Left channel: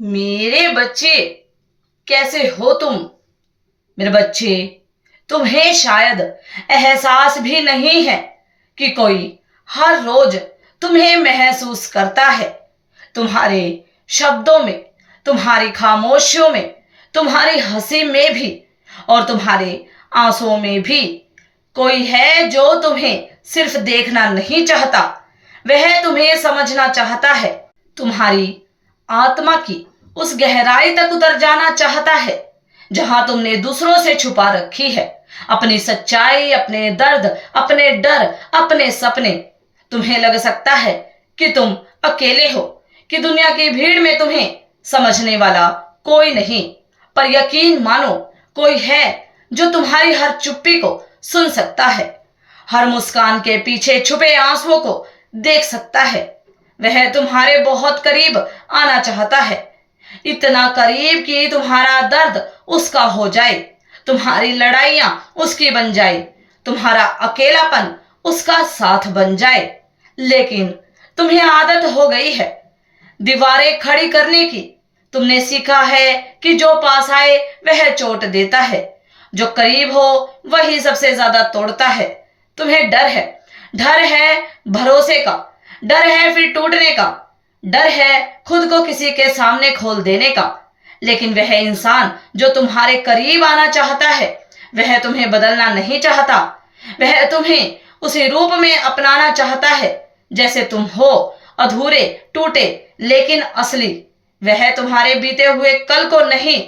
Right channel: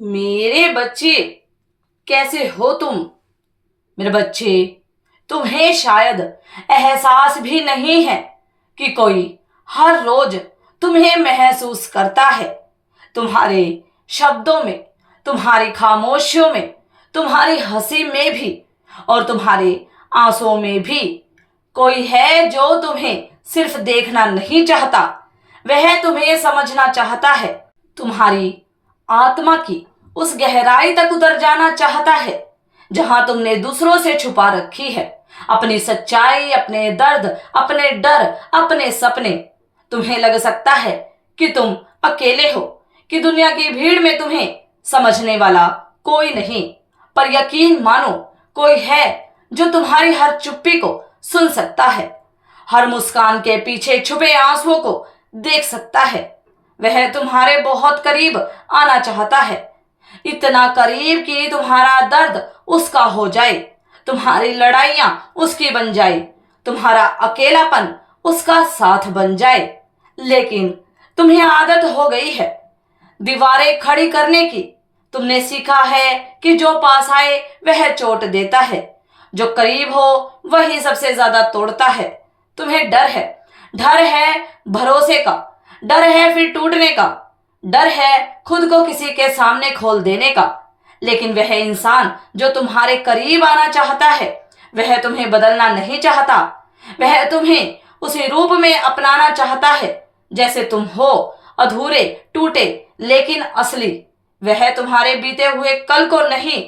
मेरे बच्चे, कैसे हो तुम? मेरे बच्चे, तुम्हें शायद एहसास भी नहीं है कि कोई हर रोज तुम्हें महसूस करता है। तुम्हारे शब्दों में, तुम्हारी खामोशियों में, तुम्हारी हंसी में भी और तुम्हारे आंसुओं में भी कोई है जो तुम्हें सिर्फ देखना नहीं चाहता, वह तुम्हें समझना चाहता है। तुम्हारी आत्मा की उस गहराई तक उतर जाना चाहता है जहां तुमने दूसरों से छुपा रखी है अपनी सच्चाई, अपने दर्द, अपने डर, अपने सपने। तुम्हें लग सकता है कि तुम अकेले हो, कि दुनिया की भीड़ में तुम्हें समझने वाला कोई नहीं। पर यकीन मानो, कोई है जो तुम्हारी हर चुप्पी को सुन सकता है, हर मुस्कान के पीछे छुपे आंसुओं को देख सकता है। वह तुम्हारे बहुत करीब आना चाहता है, इतना करीब कि तुम्हारा दर्द उसका हो जाए, तुम्हारी लड़ाइयां उसकी बन जाए, तुम्हारा अकेलापन उसका साथ बन जाए। लेकिन तुम्हें आदत हो गई है दीवारें खड़ी करने की। तुमने सीखा है कि जो पास आए वह चोट देता है, जो करीब हो वही सबसे ज्यादा तोड़ता है। तुम्हें डर है भरोसे का, डर है फिर टूटने का, डर है खुद को किसी के सामने खोल देने का। लेकिन वह इंसान जो तुम्हारे करीब आना चाहता है, वह तुम्हें बदलना नहीं चाहता। वह तुम्हें उसी रूप में अपनाना चाहता है जैसे तुम हो, अधूरे, टूटे लेकिन असली। वह तुम्हारे बीते हुए कल को नहीं,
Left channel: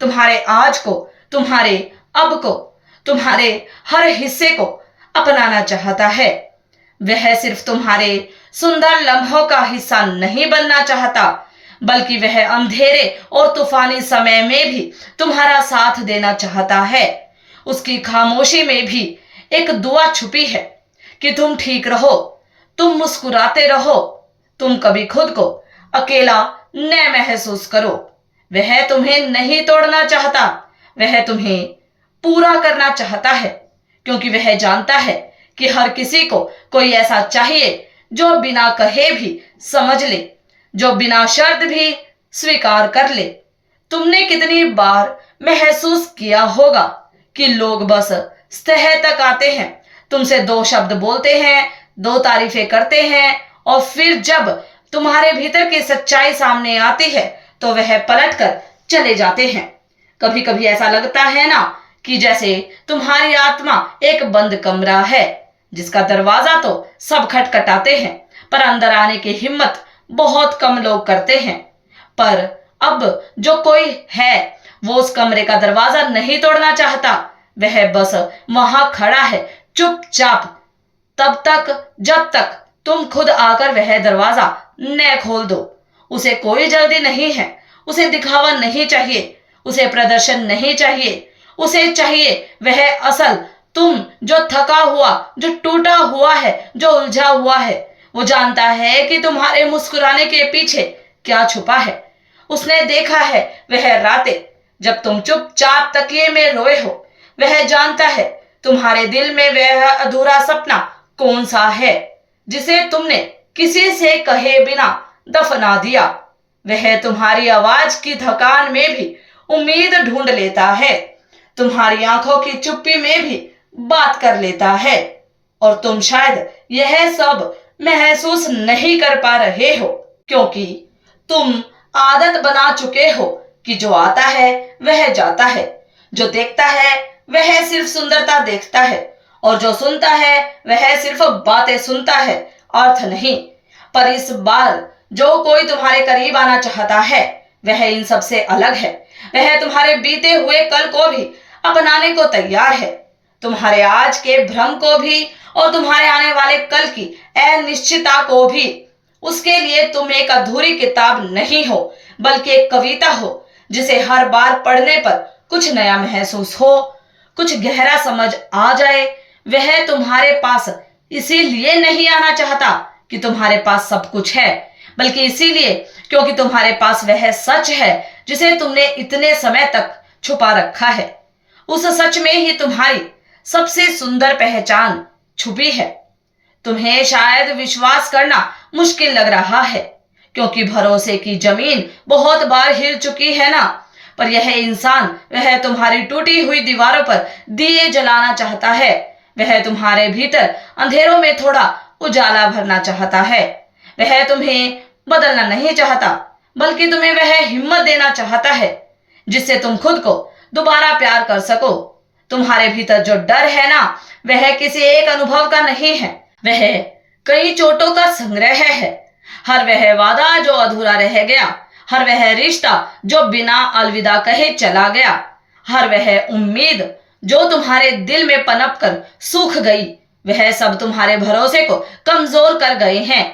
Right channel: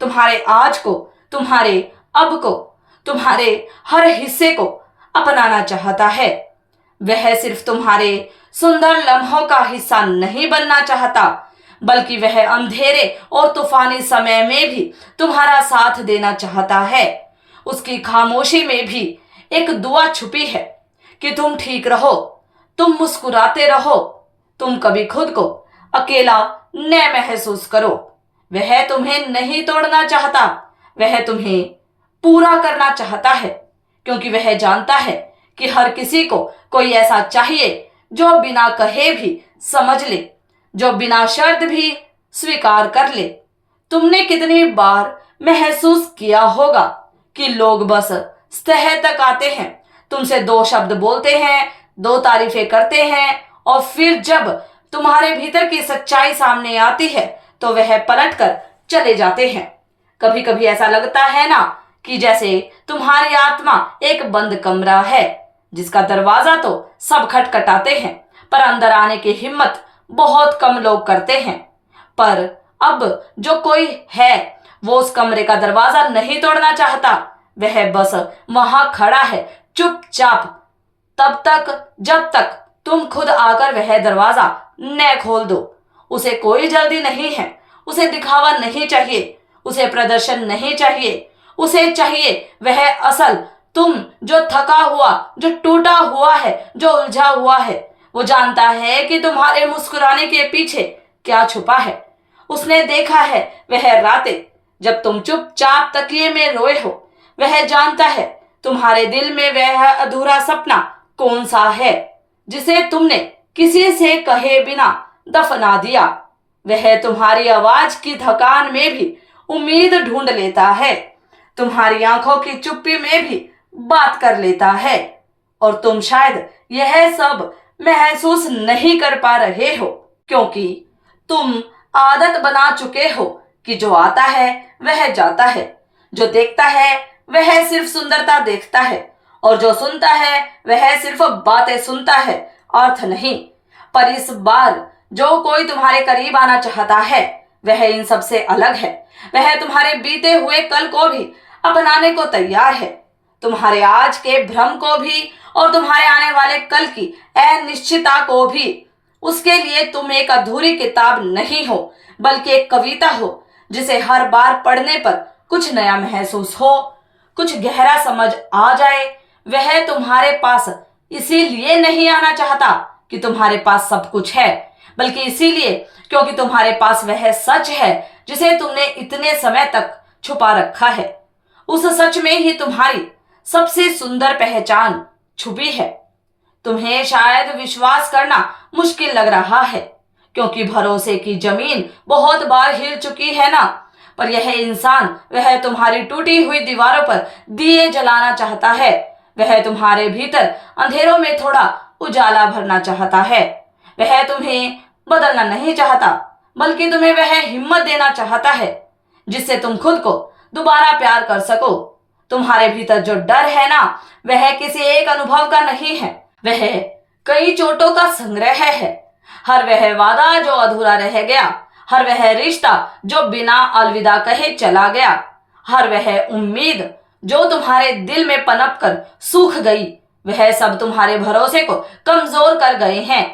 तुम्हारे आज को, तुम्हारे अब को, तुम्हारे हर हिस्से को अपनाना चाहता है। वह सिर्फ तुम्हारे सुंदर लम्हों का हिस्सा नहीं बनना चाहता, बल्कि वह अंधेरे और तूफानी समय में भी तुम्हारा साथ देना चाहता है। उसकी खामोशी में भी एक दुआ छुपी है कि तुम ठीक रहो, तुम मुस्कुराते रहो, तुम कभी खुद को अकेला न महसूस करो। वह तुम्हें नहीं तोड़ना चाहता, वह तुम्हें पूरा करना चाहता है, क्योंकि वह जानता है कि हर किसी को कोई ऐसा चाहिए जो बिना कहे भी समझ ले, जो बिना शर्त भी स्वीकार कर ले। तुमने कितनी बार महसूस किया होगा कि लोग बस सतह तक आते हैं, तुमसे दो शब्द बोलते हैं, दो तारीफें करते हैं, और फिर जब तुम्हारे भीतर की सच्चाई सामने आती है तो वह पलट कर चले जाते हैं। कभी कभी ऐसा लगता है ना कि जैसे तुम्हारी आत्मा एक बंद कमरा है जिसका दरवाजा तो सब खटखटाते हैं, पर अंदर आने की हिम्मत बहुत कम लोग करते हैं। पर अब जो कोई है वो उस कमरे का दरवाजा नहीं तोड़ना चाहता, वह बस वहां खड़ा है चुपचाप, तब तक जब तक तुम खुद आकर वह दरवाजा न खोल दो। उसे कोई जल्दी नहीं है, उसे दिखावा नहीं चाहिए, उसे प्रदर्शन नहीं चाहिए। उसे चाहिए वह असल तुम, जो थका हुआ, जो टूटा हुआ है, जो उलझा हुआ है। वो जानता है कि तुम्हारे मुस्कुराने के पीछे क्या छुपा है। उसने देखा है वह रातें जब तुम चुपचाप तकिए में रोए हो। वह जानता है तुम्हारे दिल में वह अधूरा सपना कौन सा है जिसे तुमने किसी से कहे बिना दफना दिया। वह तुम्हारी आवाज की थकान में भी उम्मीद ढूंढ लेता है, तुम्हारी आंखों की चुप्पी में भी बात कर लेता है। और तुम शायद यह सब महसूस नहीं कर पा रहे हो, क्योंकि तुम आदत बना चुके हो कि जो आता है वह जाता है, जो देखता है वह सिर्फ सुंदरता देखता है, और जो सुनता है वह सिर्फ बातें सुनता है, अर्थ नहीं। पर इस बार जो कोई तुम्हारे करीब आना चाहता है वह इन सबसे अलग है। वह तुम्हारे बीते हुए कल को भी अपनाने को तैयार है, तुम्हारे आज के भ्रम को भी और तुम्हारे आने वाले कल की अनिश्चितता को भी। उसके लिए तुम एक अधूरी किताब नहीं हो, बल्कि एक कविता हो जिसे हर बार पढ़ने पर कुछ नया महसूस हो, कुछ गहरा समझ आ जाए। वह तुम्हारे पास इसीलिए नहीं आना चाहता कि तुम्हारे पास सब कुछ है, बल्कि इसीलिए क्योंकि तुम्हारे पास वह सच है जिसे तुमने इतने समय तक छुपा रखा है। उस सच में ही तुम्हारी सबसे सुंदर पहचान छुपी है। तुम्हें शायद विश्वास करना मुश्किल लग रहा है, क्योंकि भरोसे की जमीन बहुत बार हिल चुकी है ना। पर यह इंसान, वह तुम्हारी टूटी हुई दीवारों पर दिए जलाना चाहता है। वह तुम्हारे भीतर अंधेरों में थोड़ा उजाला भरना चाहता है। वह तुम्हें बदलना नहीं चाहता, बल्कि तुम्हें वह हिम्मत देना चाहता है जिससे तुम खुद को दोबारा प्यार कर सको। तुम्हारे भीतर जो डर है ना, वह किसी एक अनुभव का नहीं है, वह कई चोटों का संग्रह है। हर वह वादा जो अधूरा रह गया, हर वह रिश्ता जो बिना अलविदा कहे चला गया, हर वह उम्मीद जो तुम्हारे दिल में पनप कर सूख गई, वह सब तुम्हारे भरोसे को कमजोर कर गए हैं।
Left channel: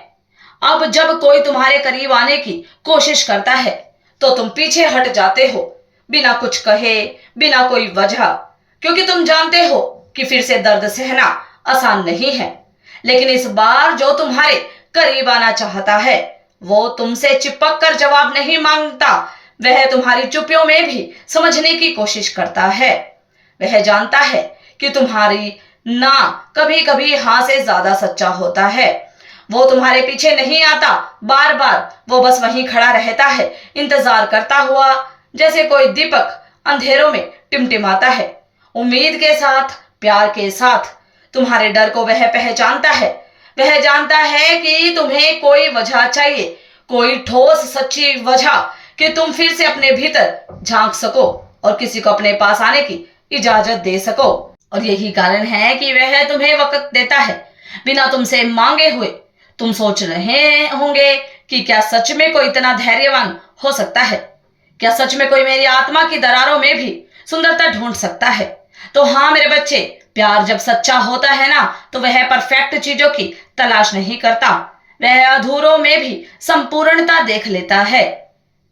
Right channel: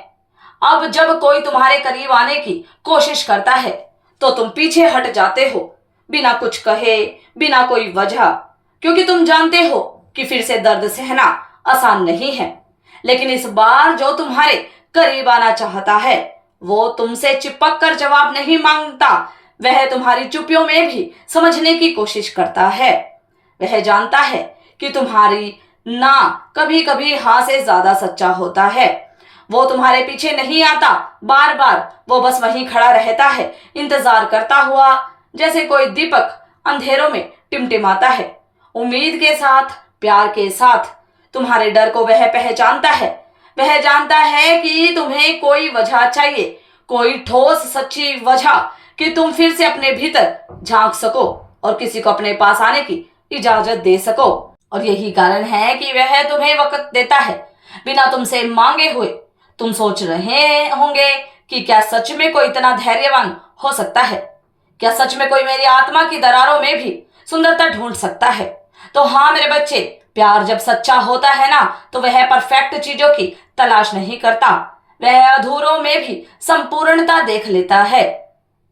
अब जब कोई तुम्हारे करीब आने की कोशिश करता है तो तुम पीछे हट जाते हो, बिना कुछ कहे, बिना कोई वजह, क्योंकि तुम जानते हो कि फिर से दर्द सहना आसान नहीं है। लेकिन इस बार जो तुम्हारे करीब आना चाहता है वो तुमसे चिपक कर जवाब नहीं मांगता, वह तुम्हारी चुप्पियों में भी समझने की कोशिश करता है। वह जानता है कि तुम्हारी ना कभी कभी हाँ से ज्यादा सच्चा होता है। वो तुम्हारे पीछे नहीं आता, बार बार वो बस वहीं खड़ा रहता है, इंतजार करता हुआ, जैसे कोई दीपक अंधेरों में टिमटिमाता है, उम्मीद के साथ, प्यार के साथ। तुम्हारे डर को वह पहचानता है। वह जानता है कि तुम्हें कोई वजह चाहिए, कोई ठोस सच्ची वजह कि तुम फिर से अपने भीतर झांक सको और किसी को अपने पास आने की इजाजत दे सको। और यही कारण है कि वह तुम्हें वक्त देता है बिना तुमसे मांगे हुए। तुम सोच रहे होंगे कि क्या सच में कोई इतना धैर्यवान हो सकता है? क्या सच में कोई मेरी आत्मा की दरारों में भी सुंदरता ढूंढ सकता है? तो हाँ मेरे बच्चे, प्यार जब सच्चा होता है ना, तो वह परफेक्ट चीजों की तलाश नहीं करता, वह अधूरों में भी संपूर्णता देख लेता है।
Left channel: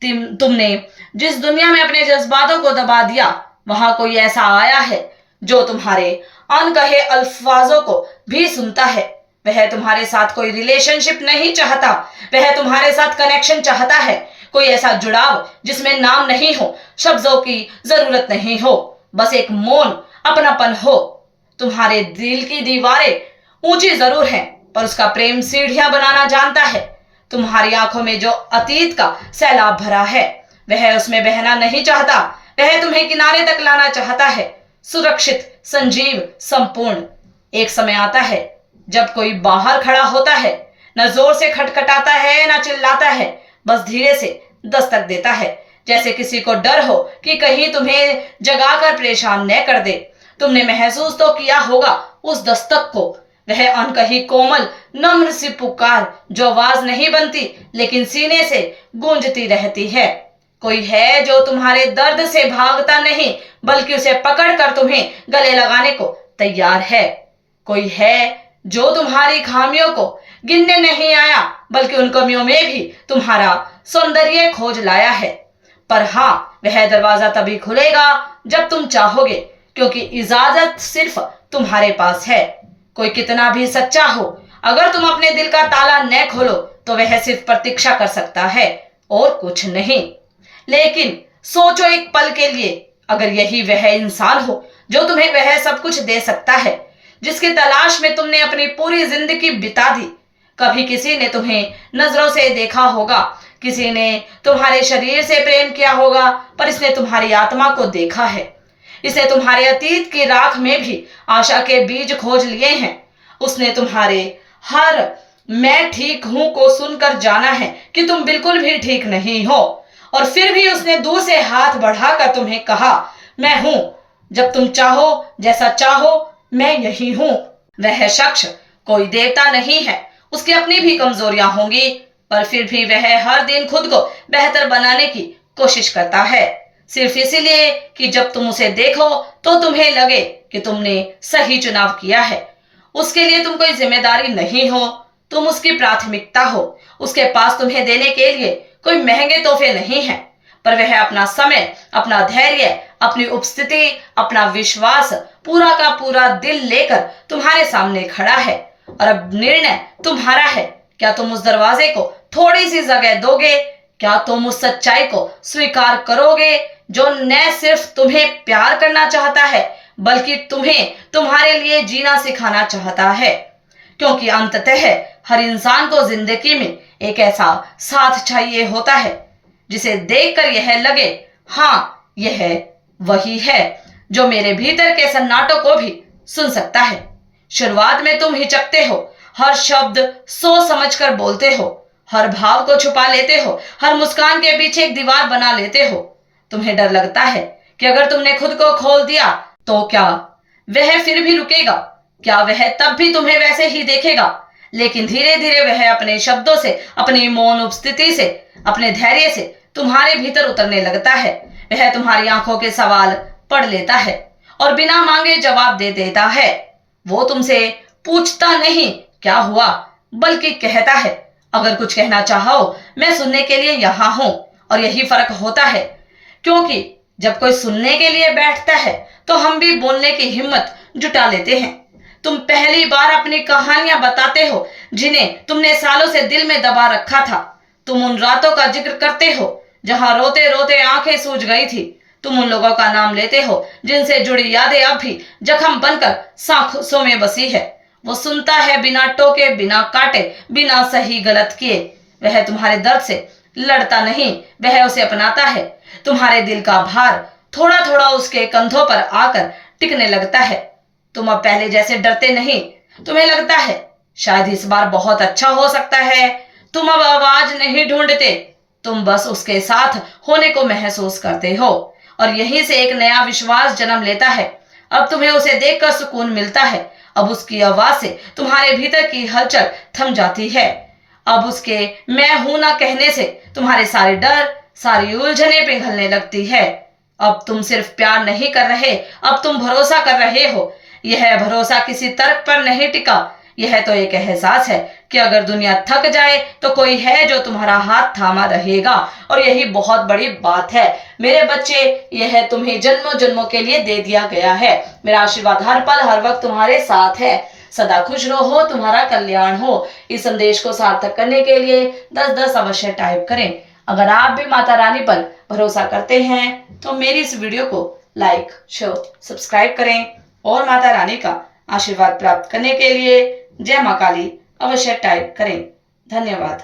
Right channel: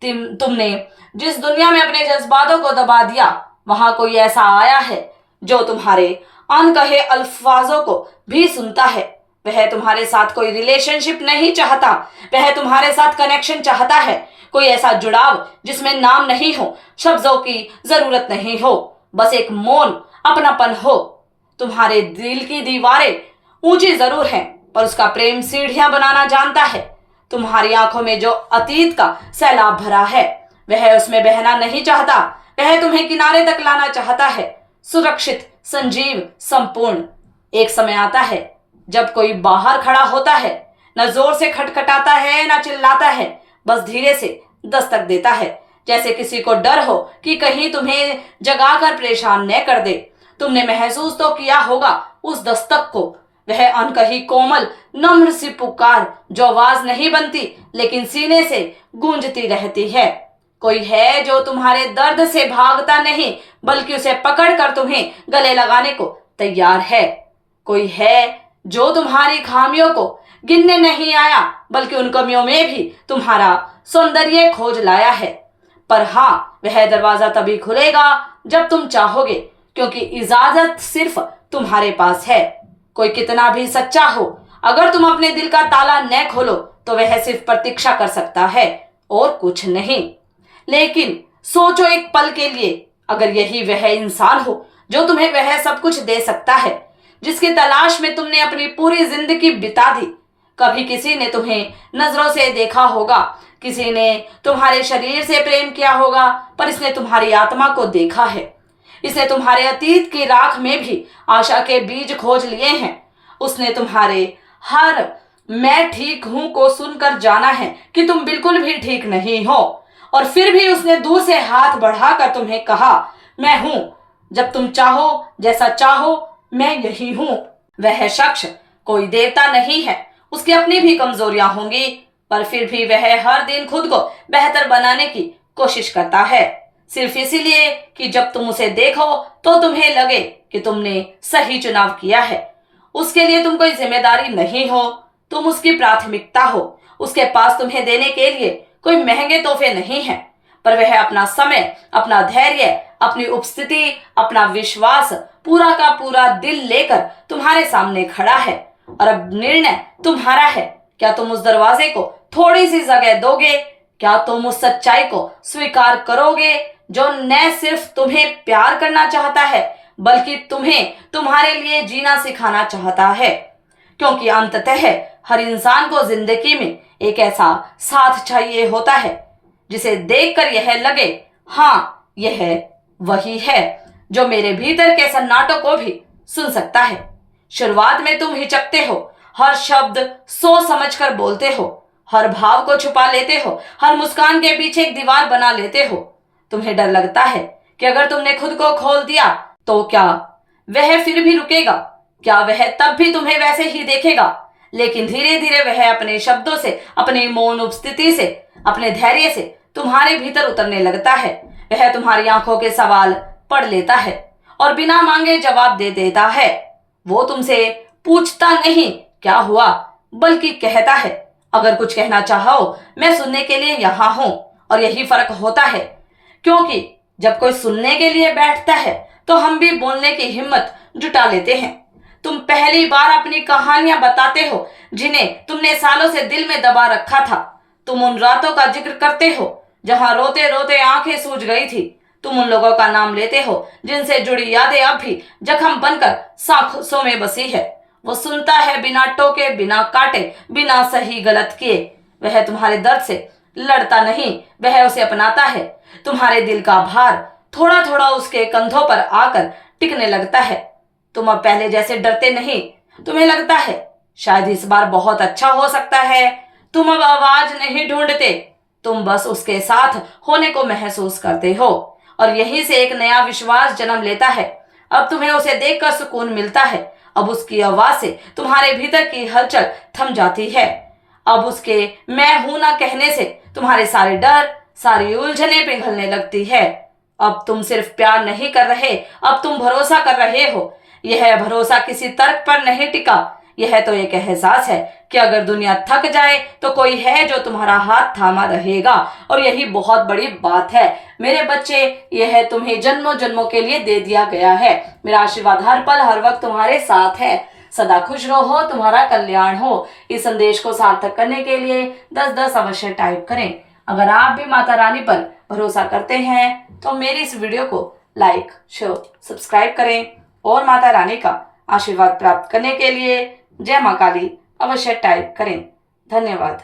तुमने जिस दुनिया में अपने जज्बातों को दबा दिया, वहां कोई ऐसा आया है जो तुम्हारे अनकहे अल्फाजों को भी सुनता है। वह तुम्हारे साथ कोई रिलेशनशिप नहीं चाहता, वह तुम्हारे साथ कनेक्शन चाहता है, कोई ऐसा जुड़ाव जिसमें नाम नहीं हो, शब्दों की जरूरत नहीं हो, बस एक मौन अपनापन हो। तुम्हारे दिल की दीवारें ऊंची जरूर हैं, पर उसका प्रेम सीढ़ियां बनाना जानता है। तुम्हारी आंखों में जो अतीत का सैलाब भरा है, वह उसमें बहना नहीं चाहता, वह तुम्हें किनारे तक लाना चाहता है, सुरक्षित, संजीव, संपूर्ण। एक समय आता है जब कोई बाहर खड़ा होता है, न जोर से खटखटाता है, न चिल्लाता है, बस धीरे से दस्तक देता है, जैसे किसी को डर हो कि कहीं तुम्हें जगाकर परेशान न कर दे। तुमने महसूस तो किया होगा उस दस्तक को, वह अनकही कोमल नम्र सी पुकार जो आवाज नहीं बनती लेकिन सीने से गूंजती रहती है। कोई है जो तुम्हारे दर्द से भागता नहीं, बल्कि उसे पकड़कर तुम्हें गले लगाने को तैयार है। कोई है जो तुम्हारी खामियों को गिनने नहीं आया, बल्कि उन कमियों में भी तुम्हारा सौंदर्य खोज लाया है। पर हाँ, वह दरवाजा तभी खुलेगा जब तुम चाहोगे, क्योंकि इजाजत सिर्फ तुम्हारे पास है। कोई कितना भी सच्चा हो, अगर तुम अपने दिल का ताला न खोलो तो वह सिर्फ प्रतीक्षा कर सकता है और कुछ नहीं। लेकिन सोचो एक पल के लिए, अगर यही वह इंसान हो जो तुम्हें वह सब कुछ दे सकता है, जिसकी तलाश में तुमने अपनी पूरी जिंदगी बिता दी। कभी किसी ने तुम्हें नजरों से देखा होगा, किसी ने तुम्हारे शरीर से प्रेम किया होगा, पर इसने तुम्हारी आत्मा को देखा है। इसने तुम्हारे अतीत की राख में भी आशा के बीज खोज लिए हैं। उसने तुम्हारे हर मैं ठीक हूं को सुनकर जाना है कि तुम बिल्कुल भी ठीक नहीं हो, और फिर भी उसने दूर से हाथ बढ़ाकर तुम्हें कहा, मैं हूं, जब तुम चाहो, जैसा चाहो, मैं यही हूं। वह शख्स कोई देवता नहीं है, उसकी अपनी भी कमजोरियां होंगी, पर फिर भी वह हर दिन खुद को बेहतर बनाने की कोशिश करता है, सिर्फ इसीलिए कि जब तुम उसे देखो तो तुम्हें लगे कि तुमने सही चुनाव किया है। उसके लिए तुम कोई जिम्मेदारी नहीं हो, तुम उसकी प्राथमिकता हो। उसके पास तुम्हें देने के लिए कोई महंगे तोहफे नहीं है, पर वह अपना समय, अपना धैर्य, अपनी उपस्थिति, अपना विश्वास, पूरा का पूरा दिल लेकर तुम्हारे सामने खड़ा है। और अब निर्णय तुम्हारा है, क्या तुम उस दरवाजे को थोड़ी सी जगह दोगे? क्या तुम उस सच्चाई को स्वीकार करोगे जो न सिर्फ तुम्हें प्यार करना चाहता है, बल्कि तुम्हें तुम्हारे लिए जीना सिखाना चाहता है? क्योंकि अंततः हर इंसान को जिंदगी में एक ऐसा साथ चाहिए होता है जिसे देखकर यह लगे, हाँ यह वही है जो मेरे भीतर के सन्नाटों को भी सुन सकता है। शुरुआत में तुम हिचकते हो, हर शब्द सोच समझकर बोलते हो, हर भाव को छुपा लेते हो, हर मुस्कान के पीछे एक दीवार बना लेते हो। तुम्हें डर लगता है कि अगर तुमने खुद को खोल दिया तो क्या वह फिर भी रुकेगा, क्या वह तब भी तुम्हें वैसे ही देखेगा। लेकिन धीरे धीरे वह अपने शब्दों से, अपनी मौन उपस्थिति से, अपने धैर्य से तुम्हारे भीतर उतरने लगता है। वह तुम्हारी आंखों के सवाल पढ़ लेता है और बिना मांगे जवाब दे देता है। वो तुमसे पूछता नहीं क्या हुआ, बल्कि कहता है, अगर कुछ कहना चाहो मैं सुनने के लिए यहां हूं। और यही फर्क होता है, क्योंकि जब कोई सुनने के लिए बैठता है तो हम भी बोलने की हिम्मत जुटा लेते हैं। तुम पहली बार अपनी कहानियां बताते हो जिन्हें तुमने सालों से दिल में दबा रखा था। तुम उन रातों का जिक्र करते हो जहां रोते रोते आंखें सूज गई थी। तुम उन लोगों का नाम लेते हो जिनसे जुड़ी यादें अब भी जख्म बनकर सांसों में बसी है। वो सुनता है बिना टोके, बिना काटे, बिना सही गलत किए। वह तुम्हारे दर्द से लड़ता नहीं, वह उसे अपनाता है। तुम्हारे दिल का भार थोड़ा थोड़ा उसके कंधों पर आकर टिकने लगता है। तुम अब पहले जैसे डरते नहीं। तुम्हें लगता है शायद इस बार बहुत अच्छा हो सकता है। तुम अब आवाज नहीं ढूंढते, तुम बस उसके साथ होने को महसूस करते हो। और यहीं से एक नया विश्वास जन्म लेता है। अब तुम्हें उसे देखकर सुकून मिलता है। अब उसकी आवाज से तुम्हारे भीतर की हलचल थम जाती है। अब उसके मैं हूं ना कहने से तुम्हारे सारे डर, सारी उलझने पिघलने लगती है। अब तुम सिर्फ प्यार नहीं कर रहे, अब तुम भरोसा कर रहे हो। यह भरोसा किसी तर्क पर नहीं टिका, यह तो एक एहसास है कि अगर दुनिया थक जाए तो कोई है जो तुम्हारा हाथ थामा रहेगा। और यही बहुत बड़ी बात है मेरे बच्चे, यह तुम्हें जन्मों जन्मों के लिए दे दिया गया है। मेरा आशीर्वाद हर पल हर वक्त तुम्हारे साथ है। सदा खुश रहो, तुम्हारा कल्याण हो। इस संदेश को सार्थक करने के लिए 10-10 अवश्य टाइप करें। अगर आप भी माता रानी पर भरोसा करते हैं तो मेरी इस वीडियो को लाइक, शेयर, सब्सक्राइब करें और माता रानी का आशीर्वाद प्राप्त करने के लिए जय मां काली अवश्य टाइप करें। धन्यवाद।